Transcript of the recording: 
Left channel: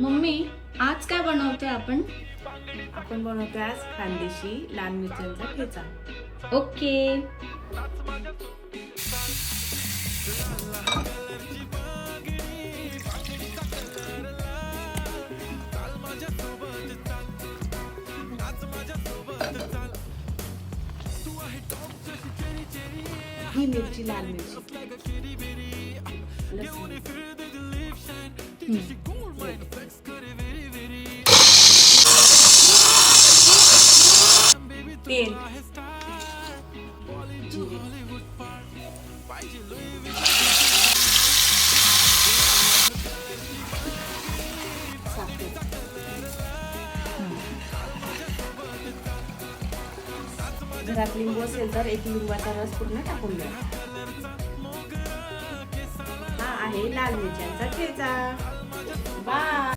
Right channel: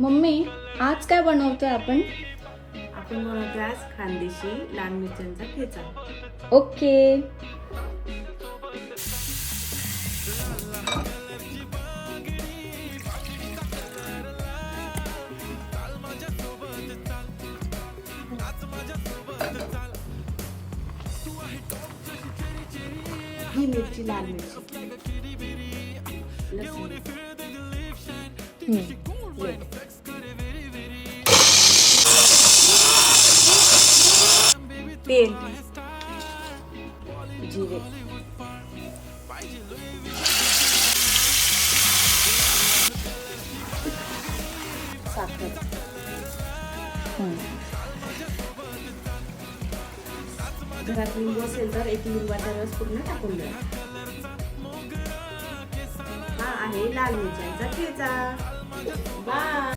Mummy, आज काय बनवते आपण? आपण बनवतो आज खानदेशी लाल मिरच्यांचा ठेचा. ओके. ही मिरची लाल मिरची, लसूण, तेल, जिरे, साखर, घरात लिंबू असेल तर एक लिंबाचा रस पूर्ण टाकून द्या. हा आहे लाल मिरच्यांचा ठेचा. बाय.